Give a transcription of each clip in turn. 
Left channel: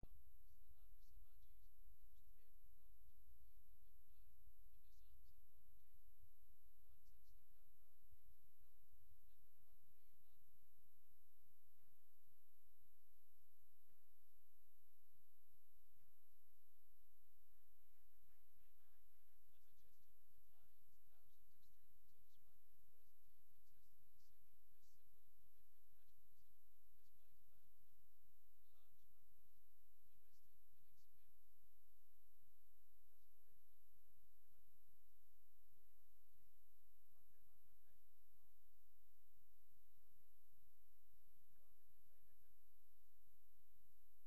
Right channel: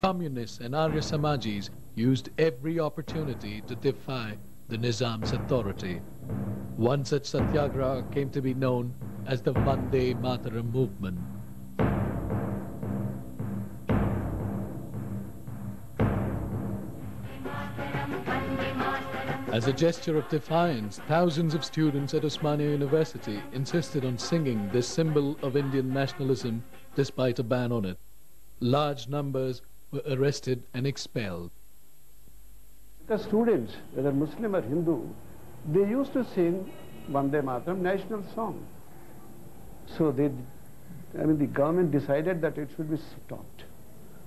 Communists and Arya Samajis used every opportunity to defy the Nizam's authority. One such satyagraha came to be known as the Vande Mataram movement. As a gesture of defiance, thousands of students at Osmania University insisted on singing this symbol of Indian nationalism despite a ban on it. Large numbers were arrested and expelled. The students, whether Muslim or Hindu, they used to sing Vande Mataram national song. So the government decided that it should be stopped.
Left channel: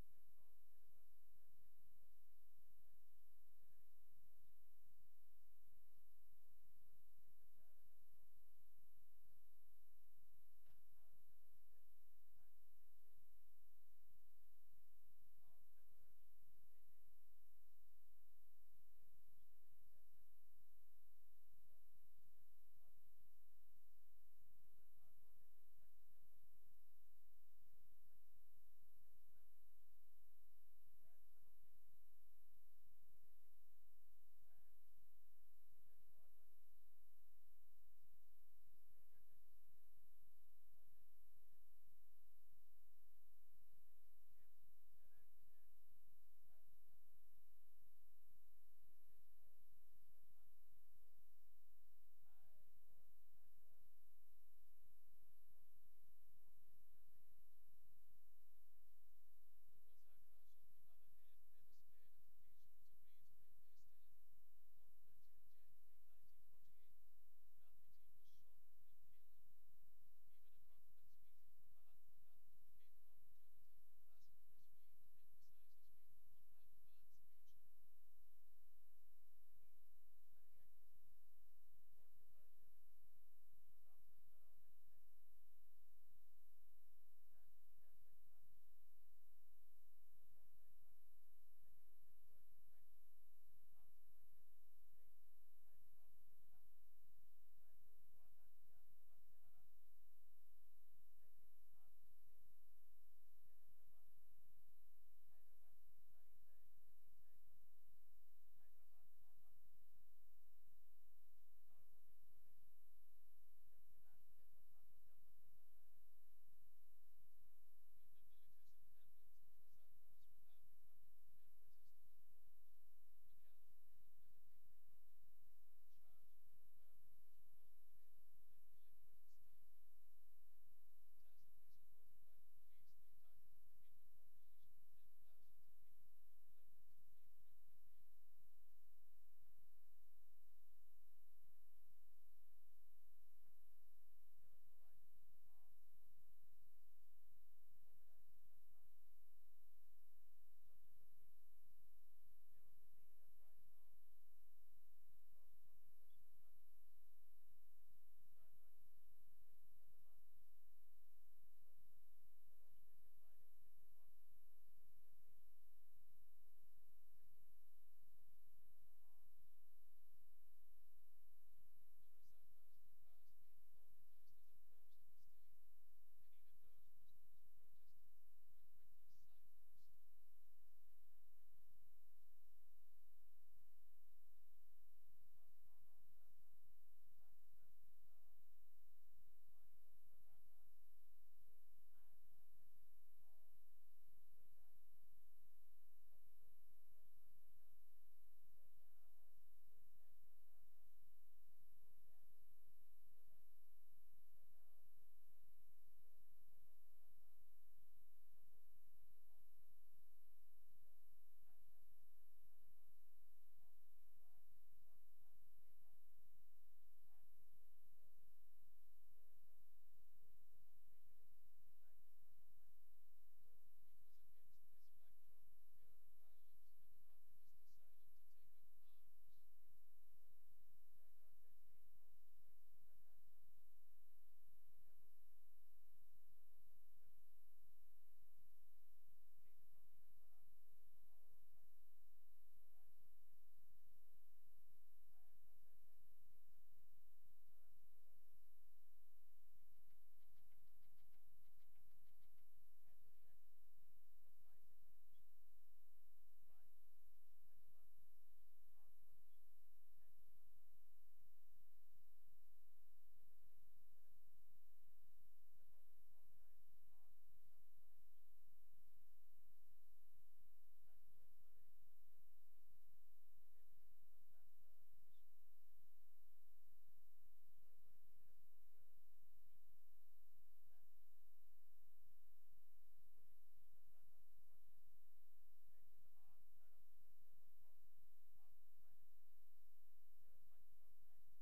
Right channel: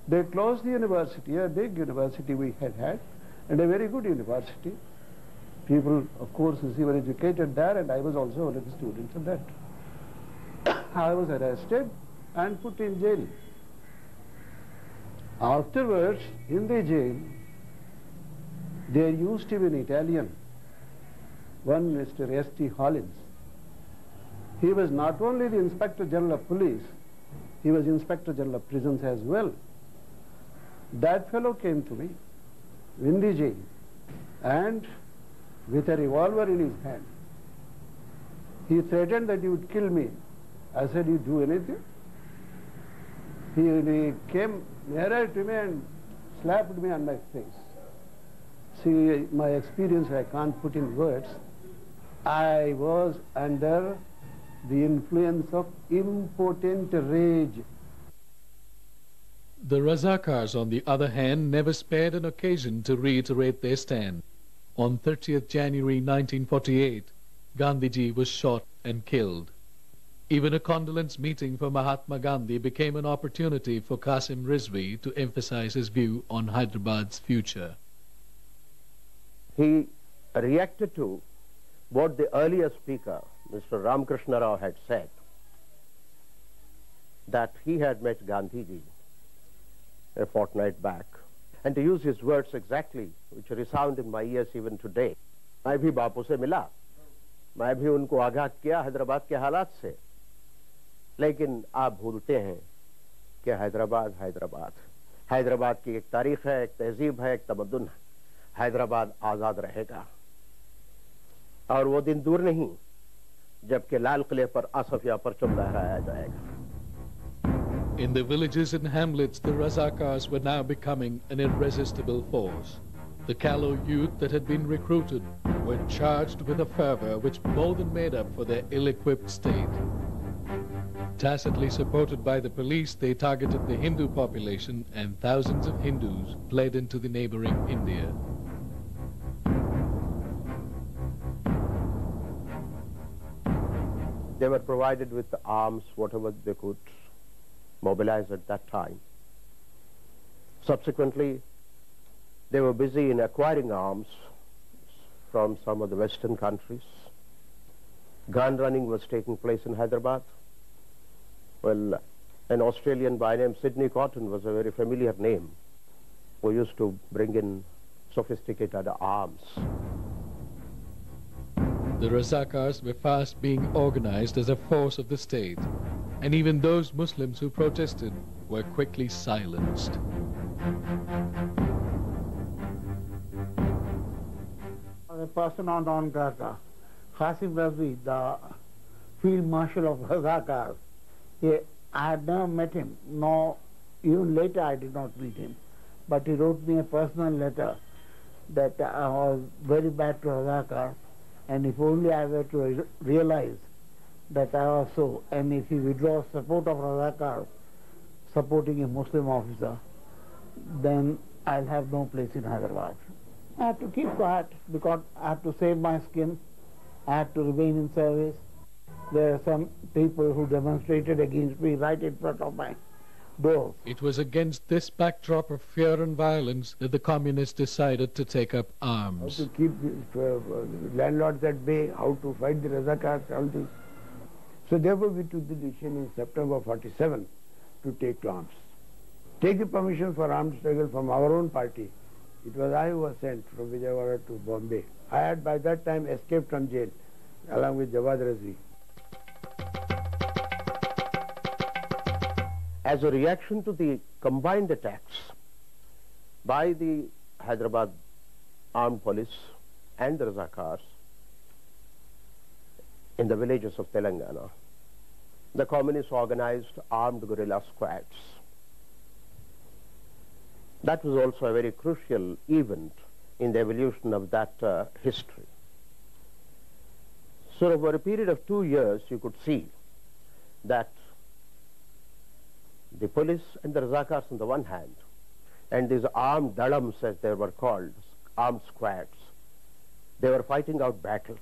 They closed the university, a big university we had, and a very good university. People, of course, were educated there, and I was also one of the students of that. I was arrested and put in jail. Afterwards, in the jail, there used to be an Italian, one Mr. S.T. Hollins. He was not only the Inspector General of Police, he was Inspector General of Prisons as well. That fellow came to me in the jail and with a revolver in his hand. He threatened that he would kill me. I said, "You do anything?" He came nearer to me and slapped me on my face. See, my experience I can't put in words. I was under the influence of impotent rage. The Razakars, on the other hand, never spared an occasion to reiterate their stand. On 30th January 1948, Gandhiji was shot and killed. Even a condolence meeting for Mahatma Gandhi became an opportunity for Qasim Rizvi to emphasize his view on Hyderabad's future. He reacted to what the earlier speaker, Mr. Ramakrishna Rao, had said, that he had met Gandhiji a fortnight back. And to use his words exactly, which resound in my ears even today, मैं भी बापू से मिला, मैं भी उनको आगाह किया हैदराबाद के हालात से, लेकिन आप भूलते हैं कि हैदराबाद की एक तारीख है, एक तहजीब है, एक तमद्दुन है। हैदराबाद आजाद रहेगा और वो दिन दूर नहीं जबकि लाल किले पर आसफिया परचम लहराया जाएगा। In the villages and hamlets, the Razakars were now becoming an irresistible force. The callow youth that had been recruited were charged with a fervor which more than made up for their ill-equipped state. Tacitly supported by the police, they targeted the Hindu population, and thousands of Hindus fled into the neighboring India. They were provided with the arms, whatever they could mobilize at that time. Subsequently, they were busy in acquiring arms from some of the Western countries. Gun running was taking place in Hyderabad. Well, an Australian by name Sidney Cotton was a very familiar name, who used to bring in sophisticated arms. The Razakars were fast being organized as a force of the state, and even those Muslims who protested were quickly silenced. A persona non grata, Qasim Rizvi, the Field Marshal of Razakars, I had never met him, nor even later I did not meet him. But he wrote me a personal letter that I was very bad to Razakar, and if only I were to realize that I was so, and if he withdraws support of Razakar, supporting a Muslim officer, then I'll have no place in Hyderabad. I had to keep quiet because I had to save my skin. I had to remain in service. There are some people who demonstrated against me right in front of my door. It was against this backdrop of fear and violence that the communists decided to take up arms. How to keep landlords at bay, how to fight the Razakars, all this. So therefore we took the decision in September 47 to take to arms. Take the permission for armed struggle from our own party. It was I who was sent from Vijayawada to Bombay. I had by that time escaped from jail along with Jawad Rizvi. As a reaction to the combined attacks by the Hyderabad armed police and the Razakars in the villages of Telangana. The communists organized armed guerrilla squads. That was also a very crucial event in the evolution of that history. So over a period of 2 years, you could see that the police and the Razakars on the one hand, and these armed dalams, as they were called, armed squads, they were fighting out battles.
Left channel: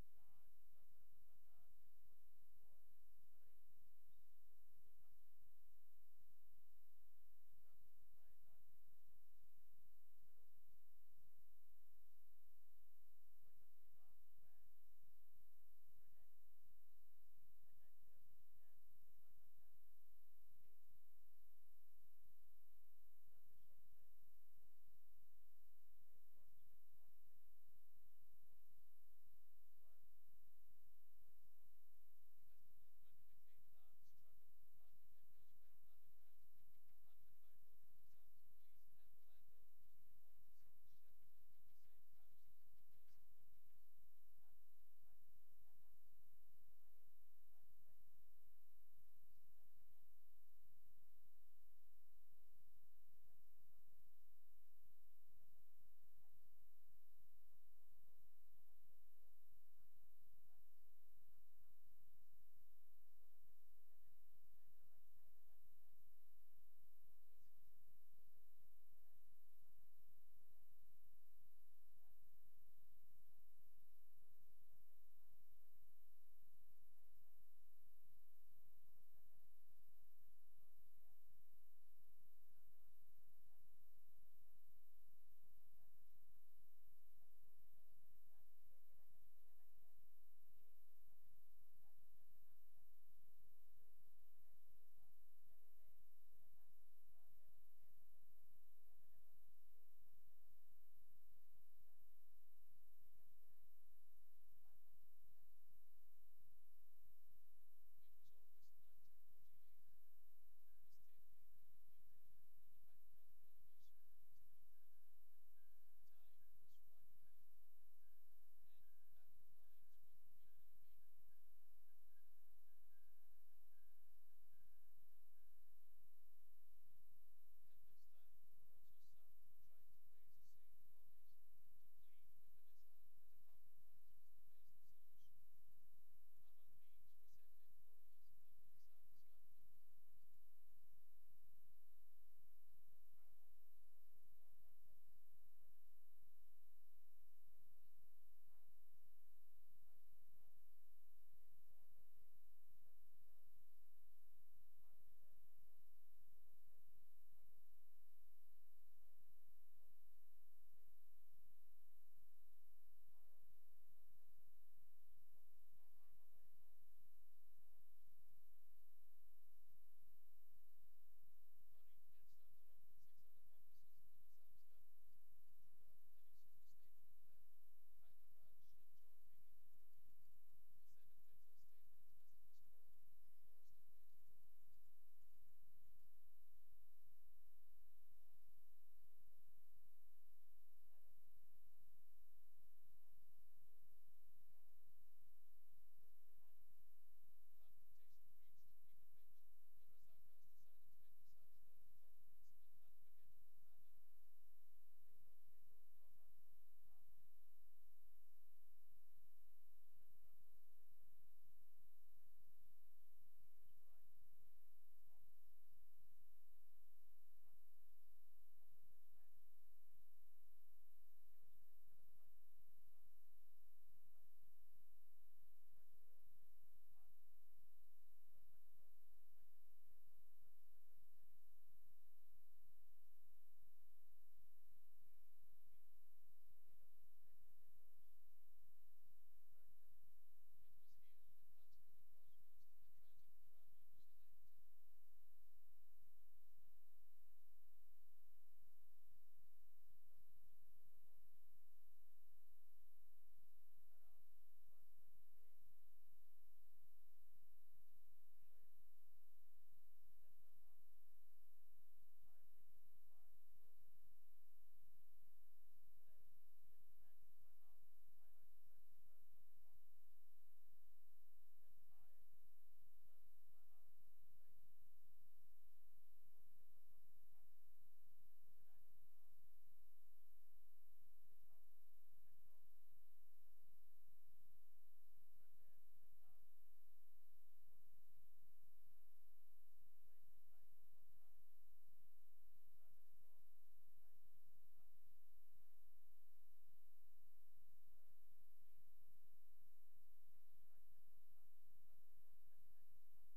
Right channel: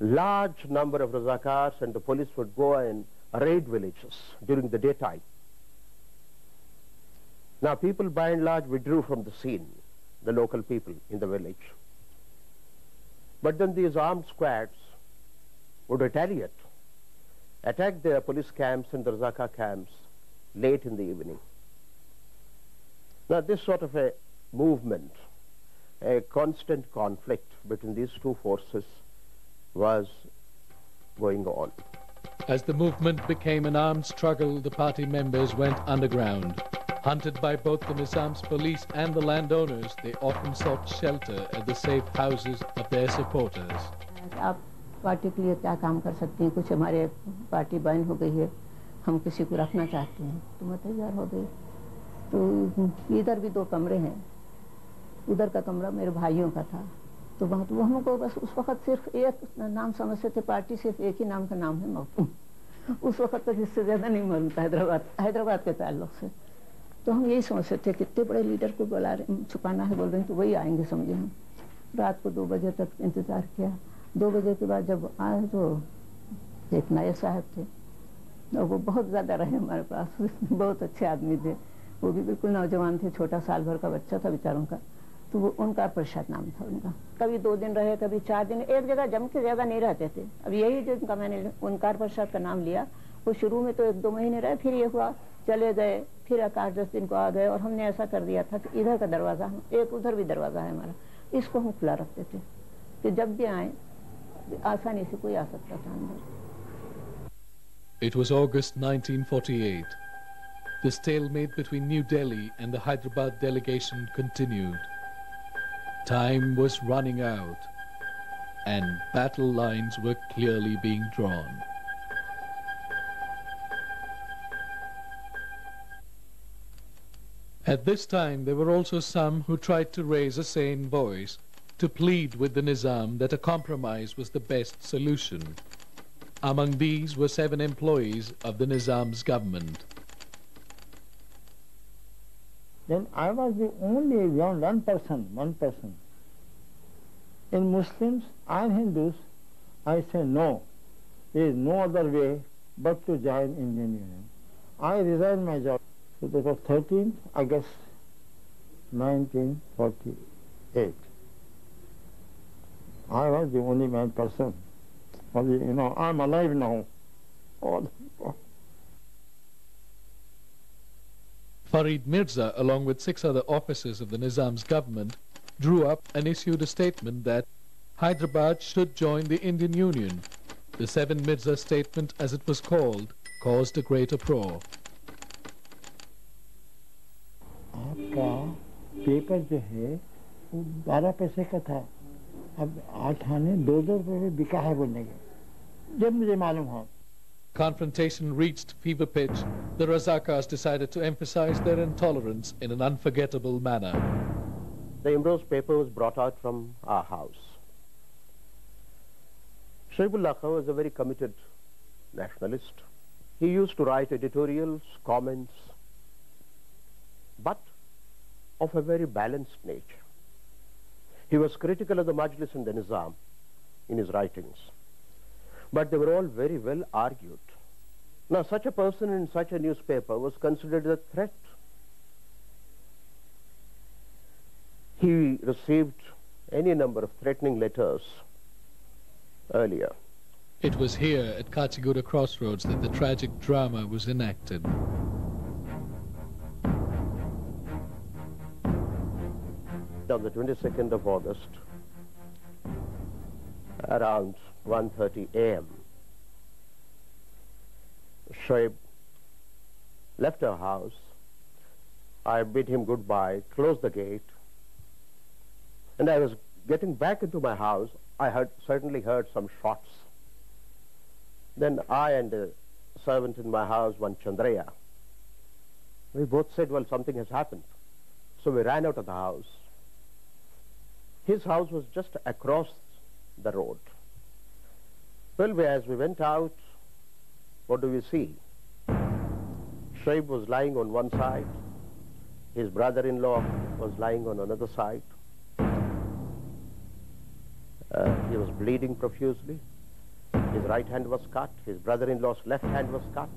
Large number of Razakars and the police would go and raid villages during the daytime. Now people by and large withdrew from the scene, the local people in the village. But then these armed squads would retaliate, attack their police camps and the Razakar camps late in the evening. Now this sort of a movement, a constant conflict between these two forces was going on. As the movement became an armed struggle, the party members went underground. Hunted by both the Nizam's police and the landowners, they often sought shelter at the safe houses of their supporters. आप party के लिए क्या काम कर सकते हैं? कुछ हमारे पार्टी बैन हो गई है, हम किसी को रखना चाहते हैं, तो मैं तैयार हो गई। तो इधर भी 2 कमरे हैं, उधर का कमरा मेरे भाइयों का था, तो वहाँ तो हमको बस उस वक्त सिर्फ एक नाम समझते थे, पार्टी सिर्फ एक ही नाम का नाम है मखदूम। उस वक्त तक इससे ज़्यादा नहीं मालूम था हैदराबाद के ताल्लुक से। तो हम यही सोचते थे कितने बड़े लीडर को बुला रहे, छुपाना है बोल रहे हैं तो वही आएंगे समझे हम। रात को 2 बजे तक इंतज़ार किया। 2 बजे के बाद जब आए तो एक नायक साहब थे, और वो बहुत ज़्यादा रहे हमारे पास, बहुत अच्छे आदमी थे, वो भी बिल्कुल नौजवान थे, छोटा साल भर का बच्चा था बेचारों का। तो वो उनका प्रसाद नाम था उनका। कभी 2 दिन रहे, कभी 4 दिन, एक जगह जम के ज़्यादा नहीं रहते थे। अब यही जिनका मैंने ओंकार प्रसाद का नाम लिया, वो शुरू में तो 1-2 महीने रहे, फिर ये हुआ चले गए, फिर 8-10 दिन को आ गए। और हमने ऐसा कर दिया था कि इधर का दरवाज़ा, एक उधर भी दरवाज़ा है हमारा, इसको हम खुला रखते थे कि जब भी आए आसानी से कोई आ सकता था अंदर। It was August 1948. The stalemate between New Delhi and the Hyderabad delegation continued. Time was running out, and battle lines were clearly being drawn. At this time, there were also some who tried to raise a sane voice, to plead with the Nizam that a compromise was the best solution. Among these were 7 employees of the Nizam's government. Then I was the only one person. In Muslims and Hindus, I say no. There is no other way but to join Indian Union. I resigned my job. So that was 13th August 1948. I was the only one person. Only, I'm alive now. Farid Mirza, along with 6 other officers of the Nizam's government, drew up and issued a statement that Hyderabad should join the Indian Union. The 7 Mirza statement, as it was called, caused a great uproar. आपका paper जो है वो 12 पैसे का था, अब 8 आने 2-2 रुपये में बिका है बोलने के, जब मुझे मालूम हो। Confrontation reached fever pitch. The Razakars decided to emphasize their intolerance in an unforgettable manner. The Imroz paper was brought out from our house. Shaibullah Khan was a very committed nationalist. He used to write editorials, comments, but of a very balanced nature. He was critical of the Majlis and the Nizam in his writings, but they were all very well argued. Now, such a person in such a newspaper was considered a threat. He received any number of threatening letters earlier. It was here at Kachiguda Crossroads that the tragic drama was enacted. On the 22nd of August, around 1:30 a.m., Shoaib left her house I bid him goodbye, closed the gate, and I was getting back into my house. I certainly heard some shots. Then I and a servant in my house, one Chandraya, we both said, well, something has happened. So we ran out of the house. His house was just across the road. Well, as we went out, what do we see? Shoaib was lying on one side. His brother-in-law was lying on another side. He was bleeding profusely. His right hand was cut. His brother-in-law's left hand was cut.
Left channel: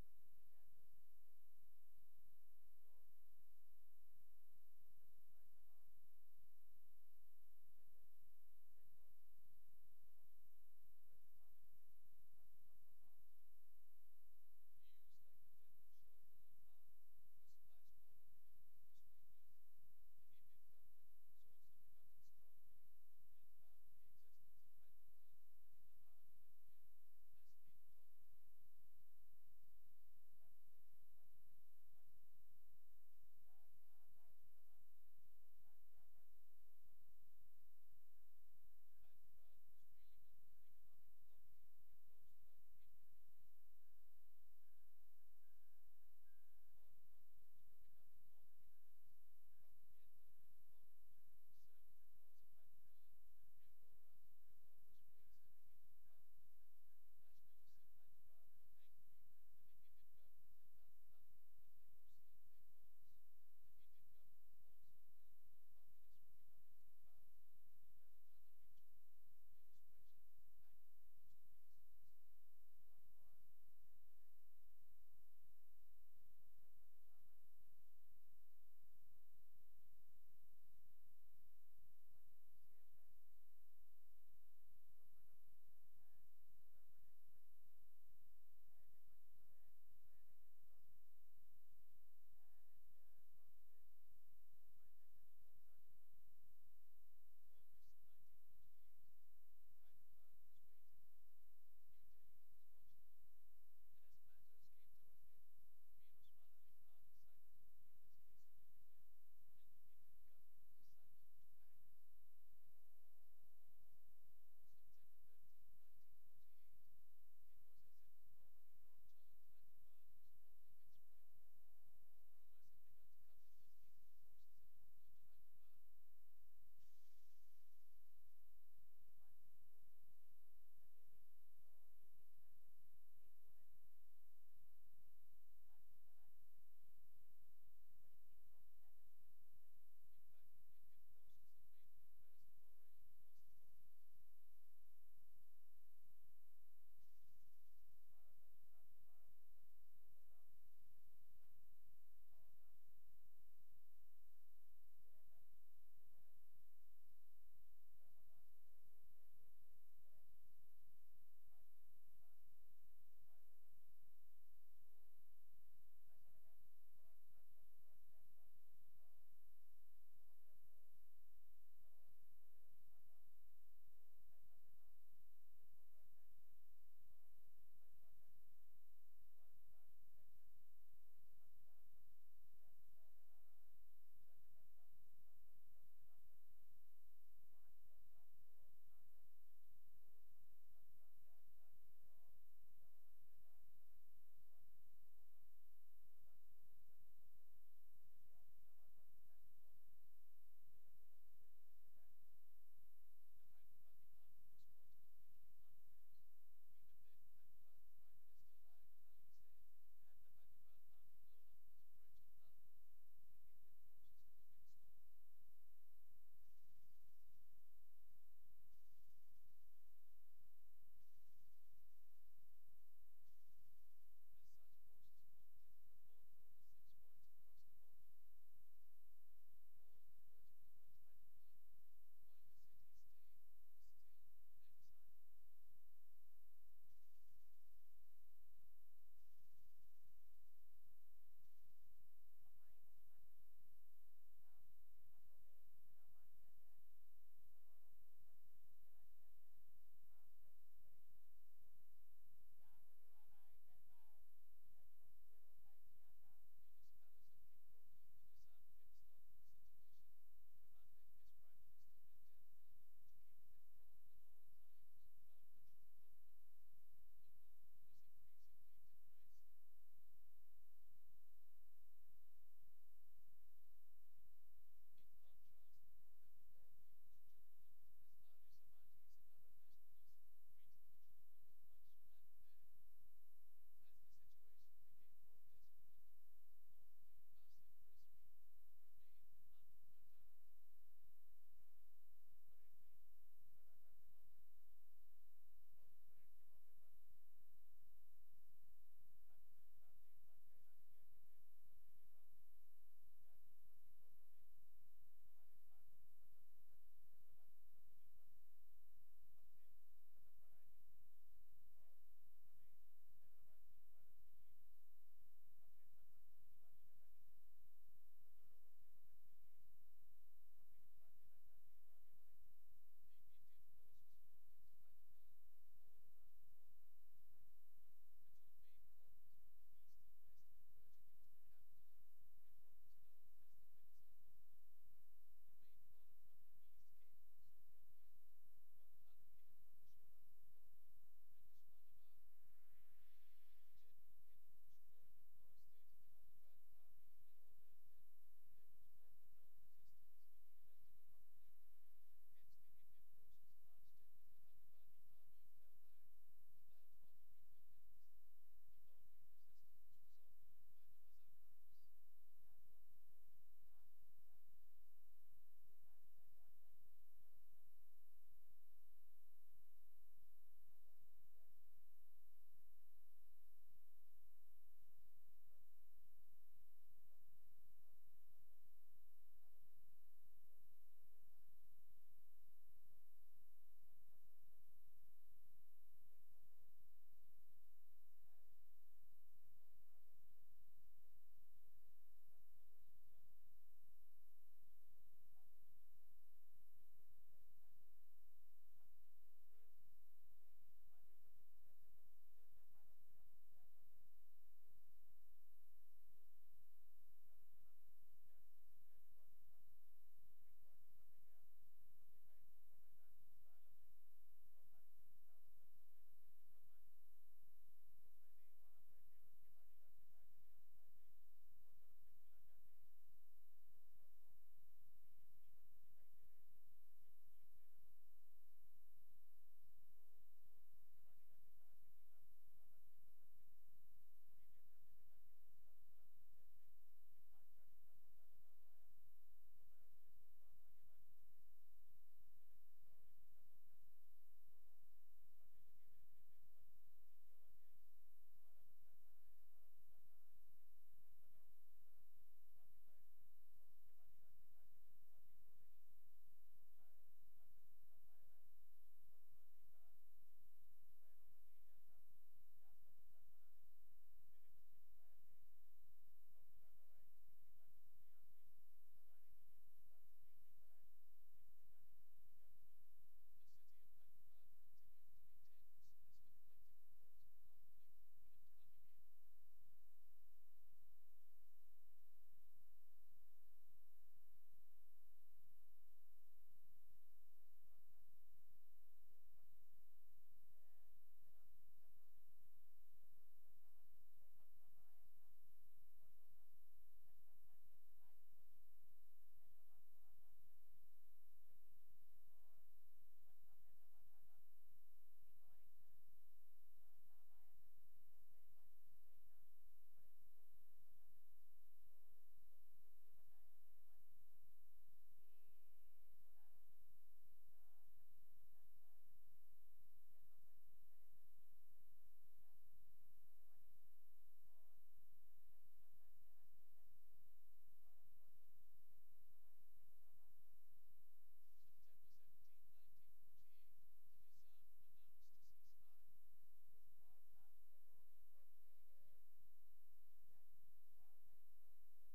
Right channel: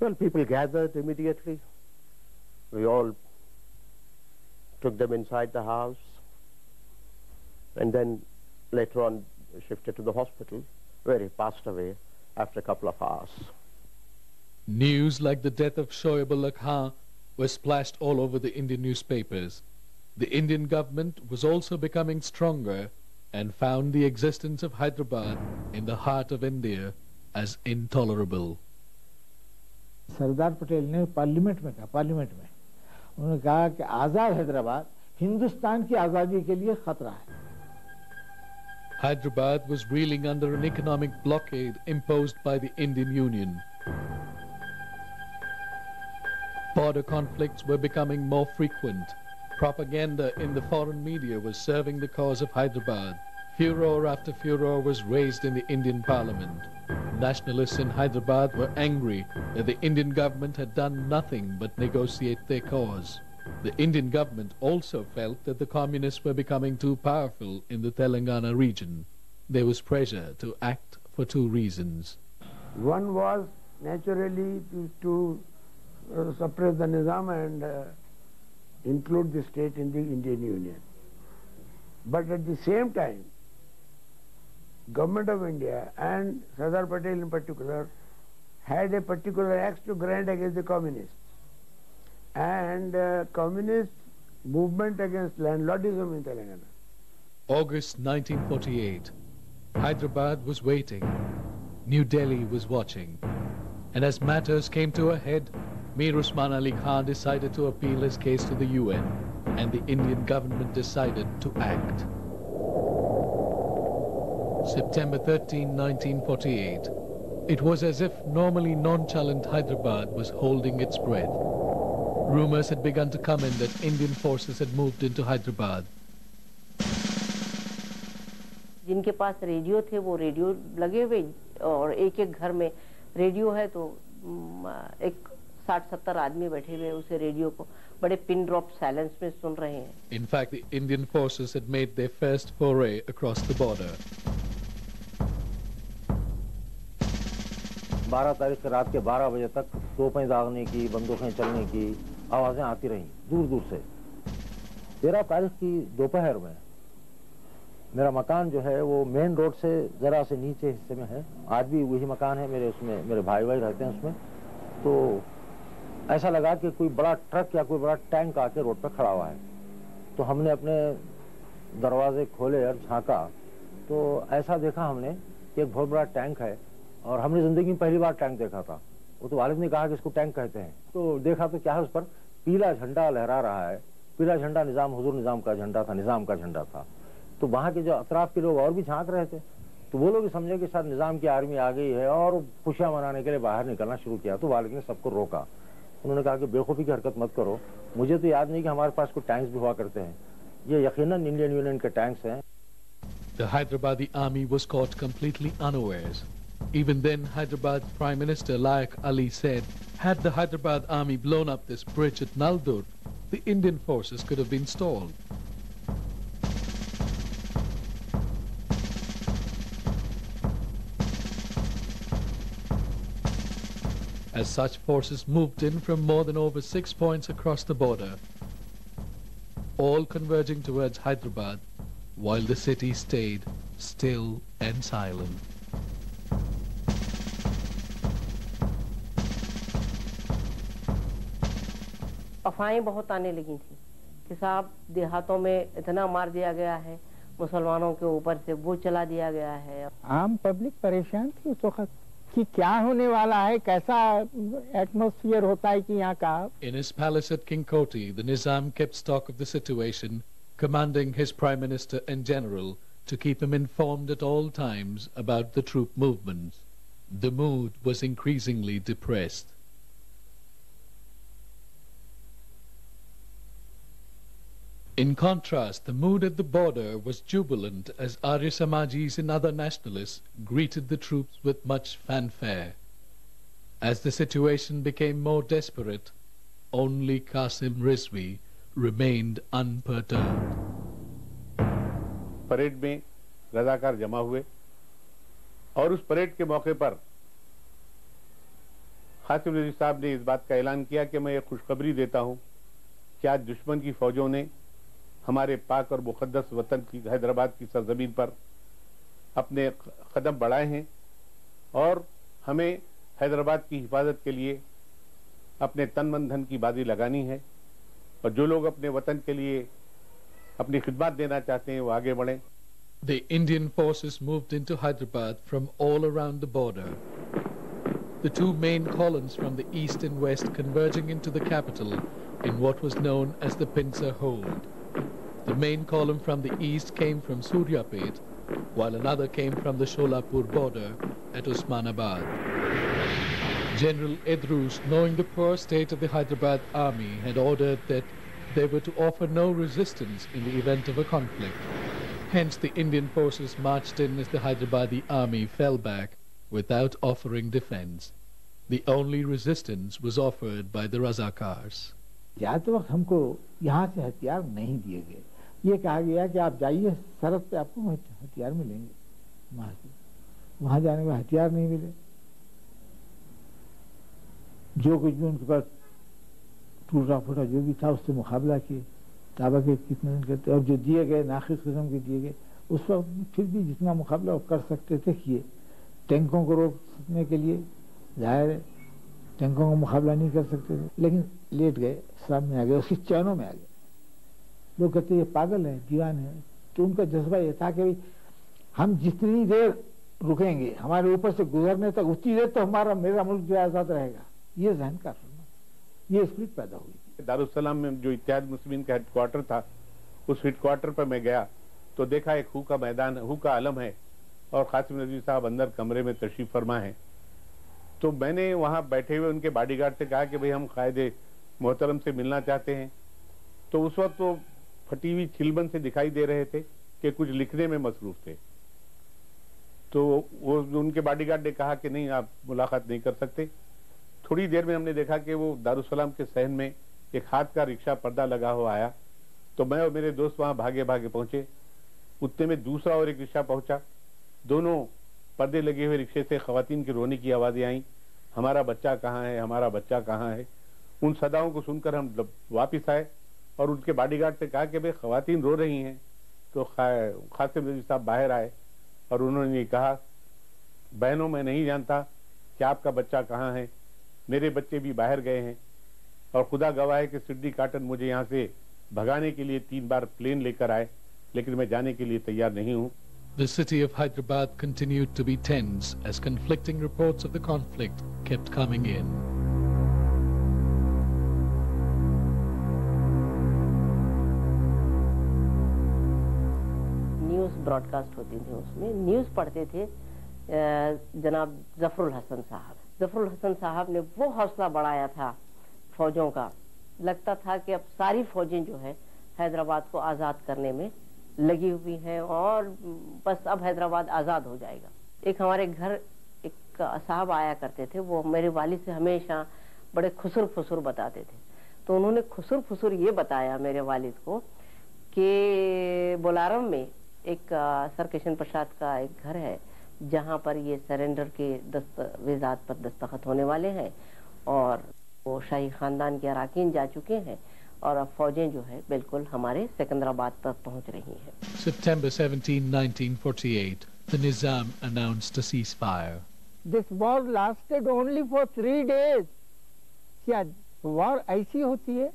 Well, people gathered immediately. We all took them inside the house and then later on shifted to the hospital where he passed away after a couple of hours. News like the death of Shoaib Ullah Khan was splashed all over the Indian newspapers. The Indian government was also becoming stronger and found the existence of Hyderabad in the heart of India as intolerable. Sardar Patel ने parliament में उन्होंने कहा कि आजाद हैदराबाद हिंदुस्तान की आजादी के लिए खतरा है. Hyderabad was reeling under an economic blockade imposed by the Indian Union. Border conflicts were becoming more frequent. Propaganda in the foreign media was serving the cause of Hyderabad. Furor after furor was raised in the Indian Parliament. Nationalists in Hyderabad were angry that the Indian government had done nothing but negotiate their cause. The Indian government also felt that the communists were becoming too powerful in the Telangana region. There was pressure to act for two reasons. One was naturally to suppress the Nizam and include the state in the Indian Union. But at the same time, Government of India and Sardar Patel in particular had a particular axe to grind against the communists. And communist movement against landlordism in Telangana. August 1948. Hyderabad was waiting. New Delhi was watching. And as matters came to a head, Mir Usman Ali Khan decided to appeal his case to the UN, and the Indian government decided to act. September 13, 1948. It was as if normally nonchalant Hyderabad was holding its breath. Rumors had begun to come in that Indian forces had moved into Hyderabad. जिनके पास radio थे वो radio लगे हुए और एक घर में radio है तो एक 60-70 आदमी बैठे हुए उसे रेडियो को बड़े पिन ड्रॉप साइलेंस में सुन रहे हैं. In fact, the Indian forces had made their first foray across the border. 12 तारीख से रात के 12 बजे तक तोपें दागने की, बंदूकें चलने की आवाजें आती रहीं दूर दूर से. 13 तारीख की दोपहर में मेरा मकान जो है वो मेन रोड से जरा से नीचे हिस्से में है. आज भी वही मकान है मेरे, उसमें मेरे भाई रहते हैं उसमें. तो ऐसा लगा कि कोई बड़ा ट्रक या कोई बड़ा टैंक आके रोड पर खड़ा हुआ है. तो हमने अपने दरवाजे खोले और झांका तो ऐसा देखा हमने कि एक बहुत बड़ा टैंक है और हमने जिंदगी में पहली बार टैंक देखा था. वो तो वालिद ने कहा कि इसको टैंक कहते हैं. तो देखा तो क्या है, उस पर पीला झंडा लहरा रहा है. पीला झंडा हुजूर निजाम का झंडा था, निजाम का झंडा था. तो वहाँ के जो अतराफ के लोग और भी झांक रहे थे तो वो लोग भी समझे कि शायद निजाम की आर्मी आ गई है और खुशियां मनाने के लिए बाहर निकलना शुरू किया. तो वालिद ने सबको रोका. उन्होंने कहा कि बेखौफी की हरकत मत करो. मुझे तो याद नहीं कि हमारे पास कोई टैंक्स भी हुआ करते हैं. ये यकीनन इंडियन यूनियन के टैंक्स हैं. The Hyderabadi army was caught completely unawares. Even then, Hyderabad Prime Minister Layak Ali said, had the Hyderabad army blown up this bridge at Naldur, the Indian forces could have been stalled. As such forces moved in from more than over 6 points across the border, all converging towards Hyderabad, while the city stayed still and silent. अफवाहें बहुत आने लगी थी कि साहब देहातों में इतना मार दिया गया है, मुसलमानों के ऊपर से वो चला दिया गया है. आम पब्लिक परेशान थी उस वक्त. कि क्या होने वाला है, कैसा एटमॉस्फेयर होता है कि यहाँ का। In his palace at King Koti, the Nizam kept stock of the situation, commanding his prime minister and general to keep him informed at all times about the troop movements. The mood was increasingly depressed. In contrast, the mood at the border was jubilant as Arya Samajis and other nationalists greeted the troops with much fanfare. As the situation became more desperate, only Qasim Rizvi remained unperturbed. Parade में रजाकार जमा हुए और उस parade के मौके पर कासिम रिजवी साहब ने इस बात का ऐलान किया कि मैं ये खुशखबरी देता हूं कि आज दुश्मन की फौजों ने हमारे पाक और मुकद्दस वतन की हैदराबाद की सरजमीन पर अपने कदम बढ़ाए हैं और हमें हैदराबाद की हिफाजत के लिए अपने तन मन धन की बाजी लगानी है और जो लोग अपने वतन के लिए अपनी खिदमत देना चाहते हैं वो आगे बढ़ें। The Indian forces moved into Hyderabad from all around the border. The two main columns from the east and west converging into the capital in what was known as the Pincer Hold. The main column from the east came from Suryapet, while another came from the Sholapur border at Osmanabad. General Edrus, knowing the poor state of the Hyderabad army, had ordered that they were to offer no resistance in the event of a conflict. Hence the Indian forces marched in as the Hyderabadi army fell back without offering defense. The only resistance was offered by the Razakars. जाते वक्त हमको यहाँ से हथियार नहीं दिए गए, ये कहा गया कि आप जाइए सरहद पे आपको हथियार मिलेंगे। वहाँ जाने में हथियार नहीं मिले, जो कुछ भी उनके पास टूटा फूटा जो भी था उससे मुकाबला किए, ताबा के कितने दिन करते और जो दिए गए नाखिस किस्म के दिए गए उस वक्त फिर भी जितना मुकाबला वो कर सकते थे किए। टैंकों को रोकने के लिए जाहिर है टैंकों का मुकाबला नहीं कर सकते थे, लेकिन लेट गए, सामने आ गए, उसकी चैनों में आ गए। लोग कहते ये पागल है, दीवान है, तो उनका जज्बा ये था कि हम जितनी देर रुकेंगे हमारे ऊपर से गुजरने तक उतनी देर तो मेरा मुल्क जो आज़ाद रहेगा। ये जहन का ये स्पिरिट पैदा हुई। दारुस्सलाम में जो इत्तेहाद मुस्लिमीन का हेडक्वार्टर था, उस हेडक्वार्टर पर मैं गया तो देखा एक हू का मैदान, हू का आलम है और कासिम रिजवी साहब अंदर कमरे में तशरीफ फरमा है। तो मैंने वहां बैठे हुए उनके बॉडीगार्ड से कहा कि भाई हम कायदे मोहतरम से मिलना चाहते हैं। तो उस वक्त वो फटी हुई चिलबन से दिखाई दे रहे थे कि कुछ लिखने में मसरूफ थे। तो वो उनके बॉडीगार्ड ने कहा कि नहीं, आप मुलाकात नहीं कर सकते। थोड़ी देर में हमने देखा कि वो दारुस्सलाम के सहन में एक हाथ का रिक्शा पर्दा लगा हुआ आया। तो मैं और मेरे दोस्त वहां भागे भागे पहुंचे। उतने में दूसरा और एक रिक्शा पहुंचा। दोनों पर्दे लगे हुए रिक्शे से खवातीन की रोने की आवाजें आई, हमारा बच्चा कहाँ है, हमारा बच्चा कहाँ है। उन सदाओं को सुनकर हम वापिस आए और उनके बॉडीगार्ड से कहा कि भाई खवातीन रो रही हैं। तो कासिम रिजवी साहब बाहर आए और उन्होंने कहा, बहनों मैं नहीं जानता कि आपका बच्चा कहाँ है, मेरे बच्चे भी बाहर गए हैं और खुदा गवाह है कि सिड्डी काटन मुझे यहाँ से भगाने के लिए 3 बार प्लेन लेकर आए, लेकिन मैं जाने के लिए तैयार नहीं हूँ। The city of Hyderabad continued to be tense as conflicting reports of the conflict kept coming in. News broadcast होती थी, उसमें न्यूज़ पढ़ते थे जनाब जफरुल हसन साहब। जफरुल हसन साहब ने वो हौसला बढ़ाया था फौजों का, लगता था कि अब सारी फौजें जो है हैदराबाद को आज़ाद करने में लगी हुई हैं और बस अब हैदराबाद आज़ाद हो जाएगा। एक हमारे घर एक साहब आया करते थे, वो मेरे वालिद से हमेशा बड़े खुसर फुसुर बताते थे। तो उन्होंने खुसर फुसुर ये बताया मेरे वालिद को कि बोलारम में एक सर किशन प्रसाद का एक घर है जहाँ पर ये सरेंडर के दस्तावेजात पर दस्तखत होने वाले हैं और वो शाही खानदान के अराकीन जा चुके हैं और अब फौजें जो है बिल्कुल हमारे सिकंदराबाद पर पहुंच रही हैं। September 17, 1948, the Nizam announced a ceasefire. This war lasted only for 3 days. क्या war ऐसी होती है?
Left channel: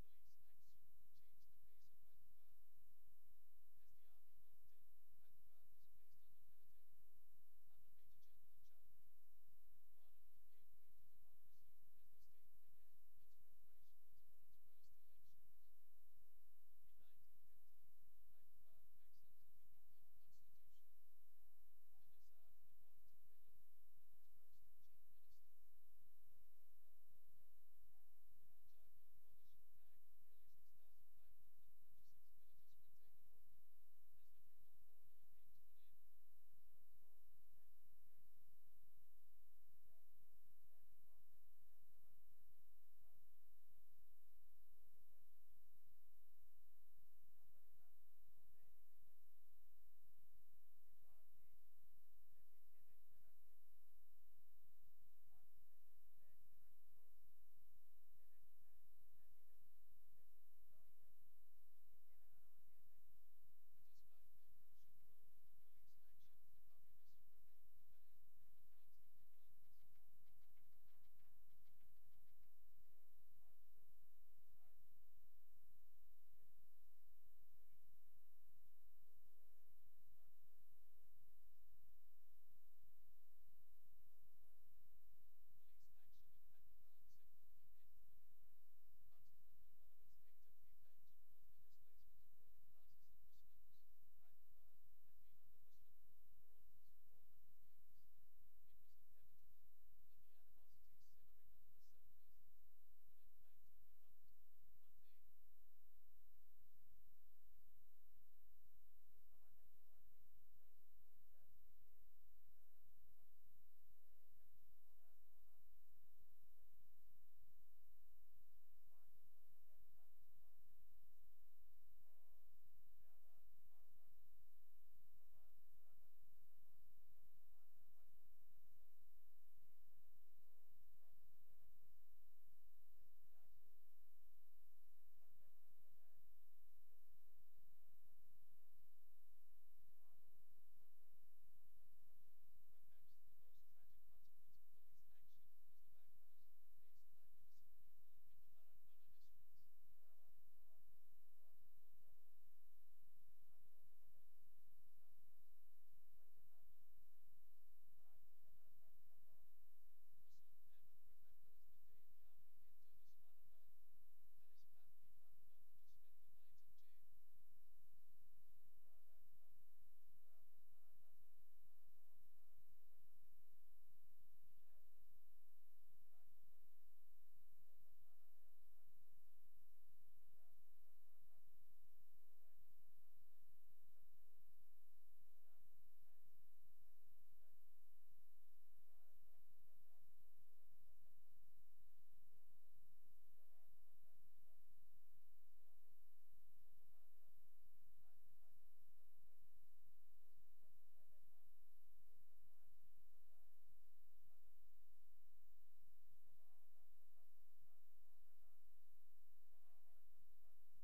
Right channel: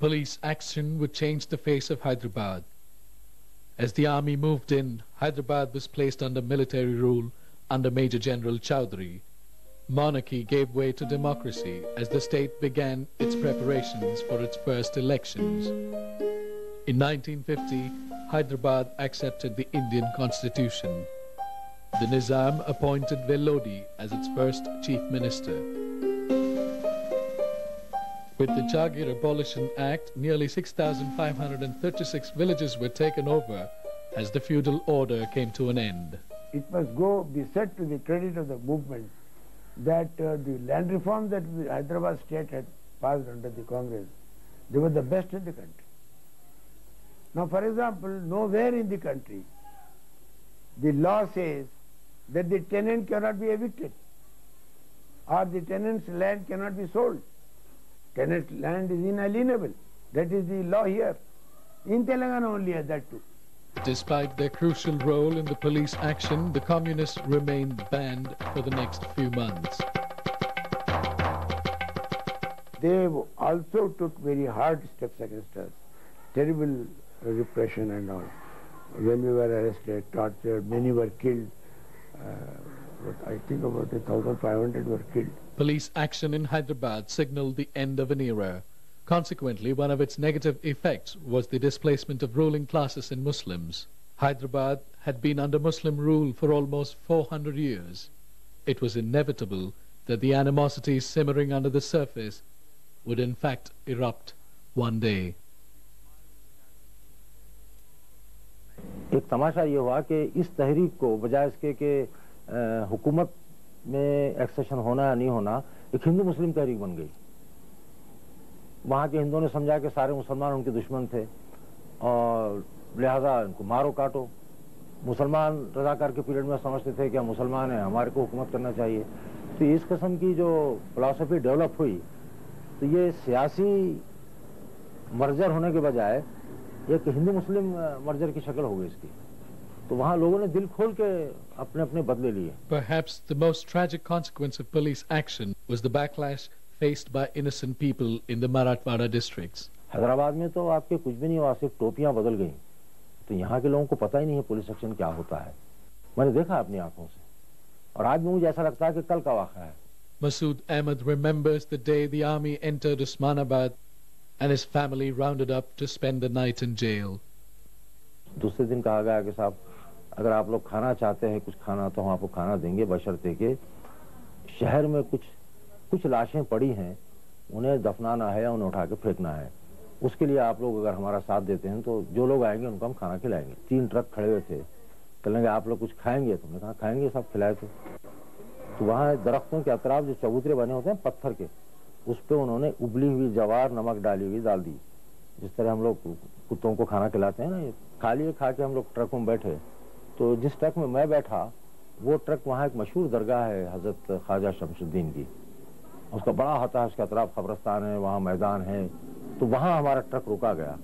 Police action would change the face of Hyderabad. As the army moved in, Hyderabad was placed under military rule under Major General Chowdhury, monarchy gave way to democracy as the state began its preparations for its first elections. In 1950, Hyderabad accepted the Indian Constitution. The Nizam appointed Velodi as its first chief minister. With the Jagir Abolition Act, nearly 6,536 villages were taken over as the feudal order came to an end. It must be said to the credit of the movement that the land reform that Hyderabad state had passed under the Congress, they were the best in the country. Now, for example, nowhere in the country the law says that the tenant cannot be evicted or the tenant's land cannot be sold. Tenant's land is inalienable. That is the law here. In Telangana only has that too. Despite their crucial role in the police action, the communists remained banned for the next few months. They also took very hard steps against us. Terrible repression and all. When we were arrested, tortured, many were killed. I think about 1,500 were killed. Police action in Hyderabad signaled the end of an era. Consequently, one of its negative effects was the displacement of ruling classes and Muslims. Hyderabad had been under Muslim rule for almost 400 years. It was inevitable that the animosities simmering under the surface would in fact erupt one day. एक तमाशा ये हुआ कि इस तहरीक को बजाय इसके कि हुकूमत में एक्सेशन होना या नहीं होना, एक हिंदू मुस्लिम तहरीक बन गई। वहाँ के हिंदुओं ने समझा कि सारे मुसलमान उनके दुश्मन थे और लिहाजा इनको मारो काटो। मुसलमान रज़ाकार के पीरियड में समझते थे कि हम मुसलमान हैं, हमारे को हुकूमत करना चाहिए। तो इस किस्म की जो फिलॉसफी डेवलप हुई, तो ये सियासी मर्जर होने के बजाय एक हिंदू मुस्लिम मर्जर की शक्ल हो गई इसकी। तो वहाँ लोगों ने दिल खोल के अपने अपने बदले लिए। Perhaps the most tragic consequence of police action was the backlash faced by innocent people in the Marathwada districts. Hyderabad में तो आपके कुछ भी नहीं हुआ, सिर्फ टोपियां बदल गई। तो यहाँ के लोगों को पता ही नहीं है पुलिस एक्शन क्या होता है। मैंने देखा अपनी आंखों से और आज भी मुझे ऐसा लगता है कि कल का वाक़या है। Masood Ahmed remembers the day the army entered Osmanabad and his family rounded up to spend the night in jail. दूसरे दिन कहा गया कि साहब अगर आप लोग खाना चाहते हैं, कुछ खाना, तो हम आपको खाना देंगे, बशर्ते कि शहर में कुछ लाशें पड़ी हैं, उन्हें दफनाना है या उन्हें उठा के फेंकना है। उसके लिए आप लोग अगर हमारा साथ देते हैं तो जो लोग आएंगे उनको हम खाना खिलाएंगे। 3 ट्रक खड़े हुए थे, कहेंगे आप लोग कुछ खाएंगे? तुमने कहा खाएंगे, सब खिलाए थे। तो वहाँ दरख्तों के अतराफ जो चबूतरे बने होते हैं पत्थर के, उस पर उन्होंने उबली हुई जवार नमक डाली हुई डाल दी। जिस तरह हम लोग कुत्तों को खाना खिलाते हैं ना, खा लिए। खा के हम लोग ट्रकों में बैठे, तो जिस ट्रक में मैं बैठा वो ट्रक वहाँ एक मशहूर दरगाह है हजरत ख्वाजा शमसुद्दीन की, उसका बड़ा होता है, उसके अतराफ कब्रस्तान है, वहाँ मैदान है। तो वहाँ हमारा ट्रक रुका गया।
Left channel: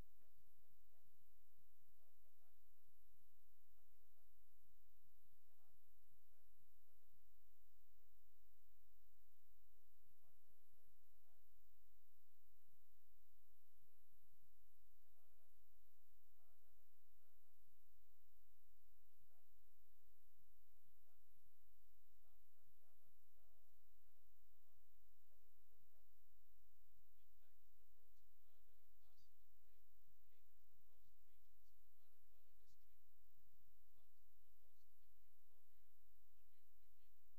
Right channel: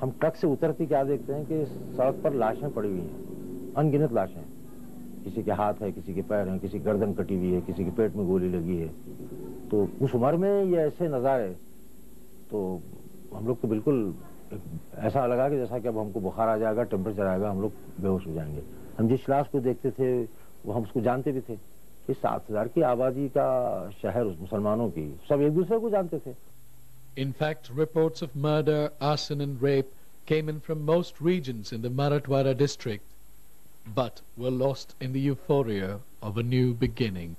हम ट्रक से उतरते क्या देखते हैं कि सड़क पर लाशें पड़ी हुई हैं, अनगिनत लाशें। किसी के हाथ है, किसी के पैर हैं, किसी गर्दन कटी हुई है, किसी के पेट में गोली लगी है। तो उस उम्र में ये ऐसे नज़ारे, तो हम लोग तो बिल्कुल ऐसा लगा कि जैसा कि अब हमको बुखार आ जाएगा, टेम्परेचर आएगा, हम लोग बेहोश हो जाएंगे। हम जिस लाश को देखते थे वो हम उसको जानते भी थे कि 7,000 की आबादी का शहर मुसलमानों की, सब एक दूसरे को जानते थे। In fact, reports of murder, arson and rape came in from most regions in the Marathwada district, but were lost in the euphoria of a new beginning.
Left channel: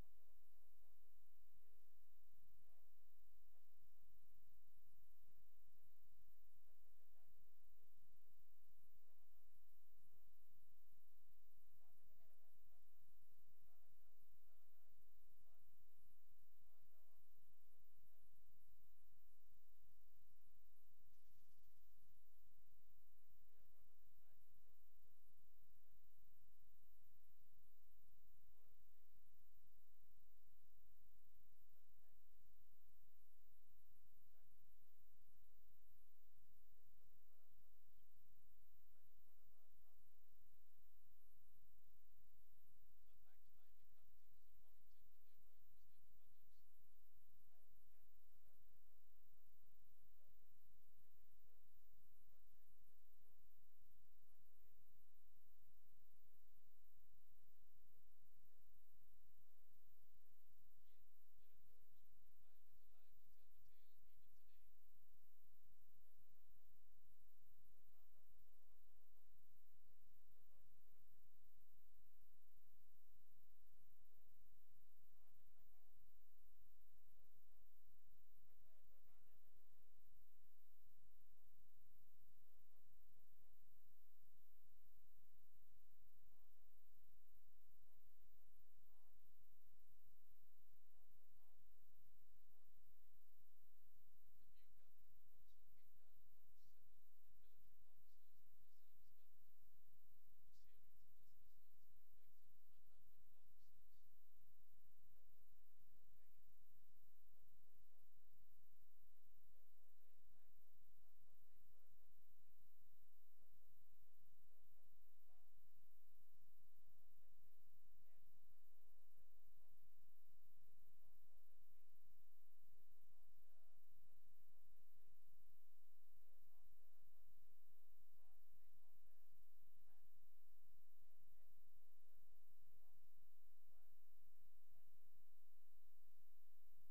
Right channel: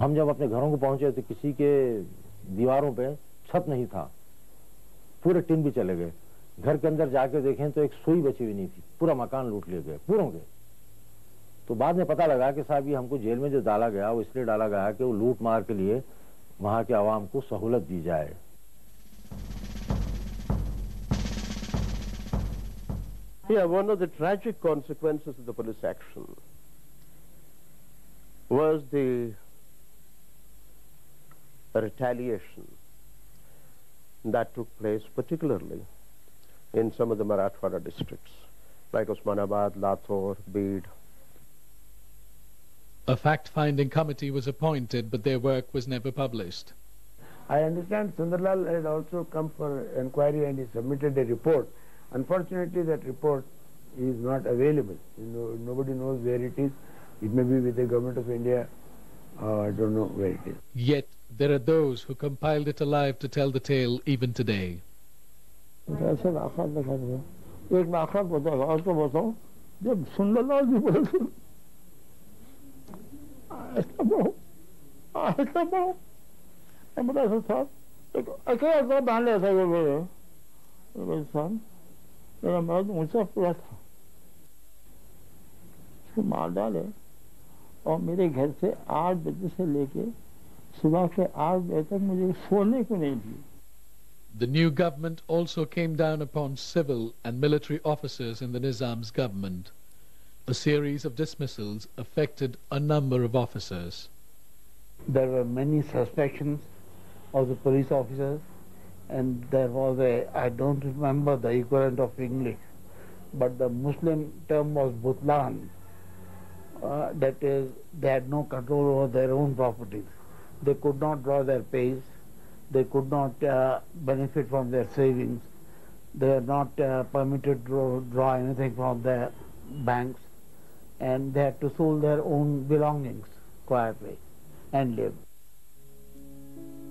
हम जब अपने घरों को पहुंचे तो किसी के दीवारों पे छत नहीं था, पूरे टिन भी चले गए। घर के अंदर जाके देखें तो एक सुई बची हुई नहीं थी, पूरा मकान लूट लिए गए पूरों के। तो बाद में पता लगा कि साहब ये हमको जेल में जो डाला गया वो इसलिए डाला गया कि वो लूट मार के लिए वहां के आवाम को सहूलत दी जाए। Yeah, one of the tragic consequences of the police action was the retaliation that took place particularly in some of the Marathwada districts, like Osmanabad, Latur, Beed. A fact-finding committee was appointed, but their work was never published. I understand Sundarlal had also come for inquiry and he submitted a report. Unfortunately, that report is not available. Nobody knows where it is. It may be with the government of India. I don't know where it is. Yet there are those who compiled it alive to tell the tale even today. ऐसे आखिर दिखा दो एक आखिर बताओ और तो बताओ जब सुंदरलाल जी बोले थे ऐसा बहुत बड़ा साहब एक अकेला बांध लिया था ये मेरे साहब मेरा मर्द ऊंचा पूरा था उसको मार डाले और मेरे घर से 8 बजे से लेके सुबह के 8 बजे तक मुझे सोने को नहीं दिए. The new government also came down upon civil and military officers in the Nizam's government. A series of dismissals affected a number of officers. There were many suspicions of the police officers, and there was I don't remember the equivalent of English, but the Muslim term was butlan. That is, they had no control over their own properties. They could not draw their pays. They could not benefit from their savings. They are not permitted to draw anything from their banks, and they had to sell their own belongings quietly and live.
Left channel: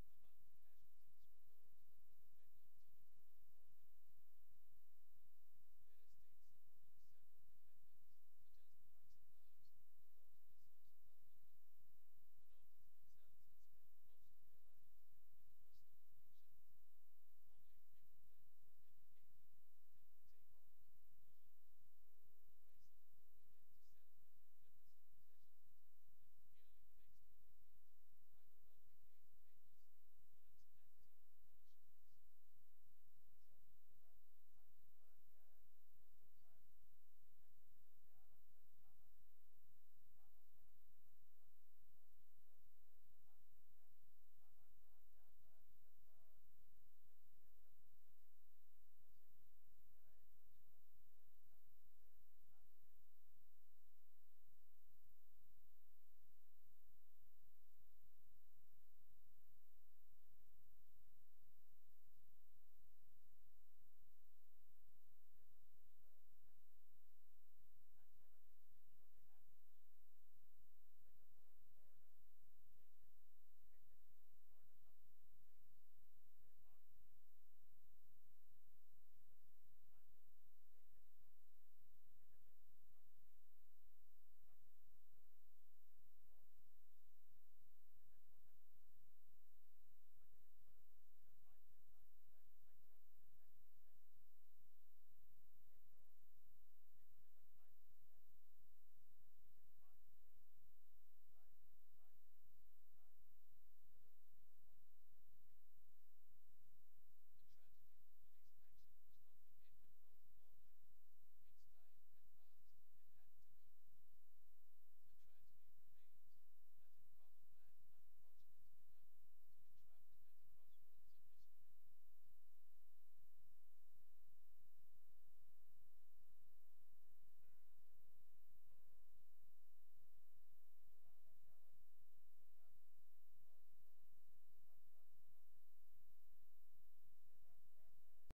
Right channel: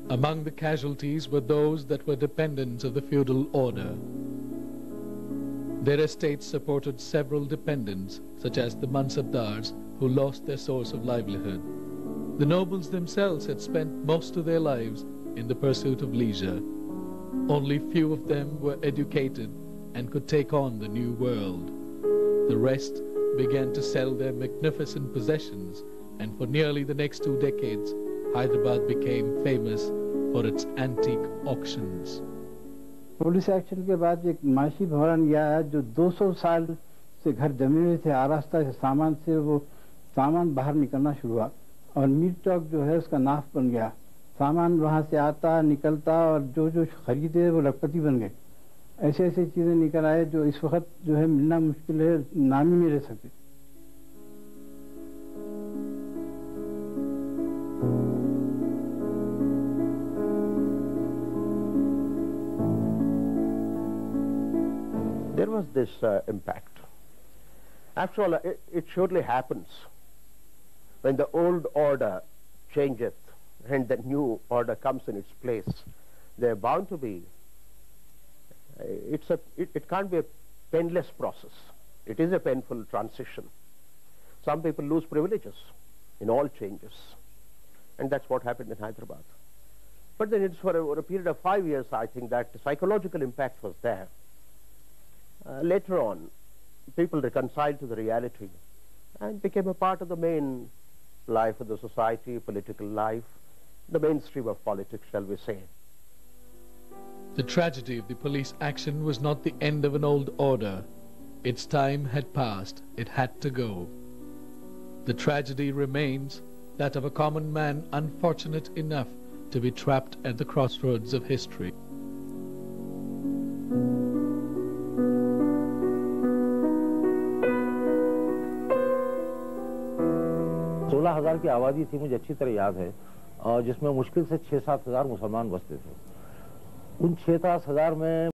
Among the casualties were those that were dependents of the feudal order. Their estates supported several dependents, such as the Mansabdars, who lost their source of livelihood. The nobles themselves had spent most of their lives in the pursuit of leisure. Only few of them were educated and could take on the new world. The rest began to sell their magnificent possessions, and for nearly the next 2 decades, Hyderabad became famous for its antique auctions. Police action के बाद एक माशी भवन गया है जो 200 साल से घर जमे हुए थे. आरास्ता से वो सामान बाहर निकलना शुरू हुआ और मीट चौक जो है उसका नाफ बन गया. सामान वहाँ से आता निकलता और जो खरीदे वो लखपति बन गए. ऐसे चीज़ें निकल आए जो इस वक्त जो है मिलना मुश्किल है, नाम ही नहीं ले सकते. There was this impact. After all, it surely happens when the old order changeth and the new order comes in its place. They're bound to be. It can't be a painless process. It is a painful transition. Some people lose privileges in all changes, and that's what happened in Hyderabad. But then it's for a period of 5 years, I think, that the psychological impact was there. Later on, people reconciled to the reality and became a part of the main life of the society, political life, the mainstream of politics, shall we say. The tragedy of the police action was not the end of an old order. Its time had passed. It had to go. The tragedy remains that of a common man unfortunate enough to be trapped at the crossroads of history. हजार की आबादी थी, मुझे अच्छी तरह याद है, और जिसमें मुश्किल से 6-7 हजार मुसलमान बसते थे. उन 6-7 हजार में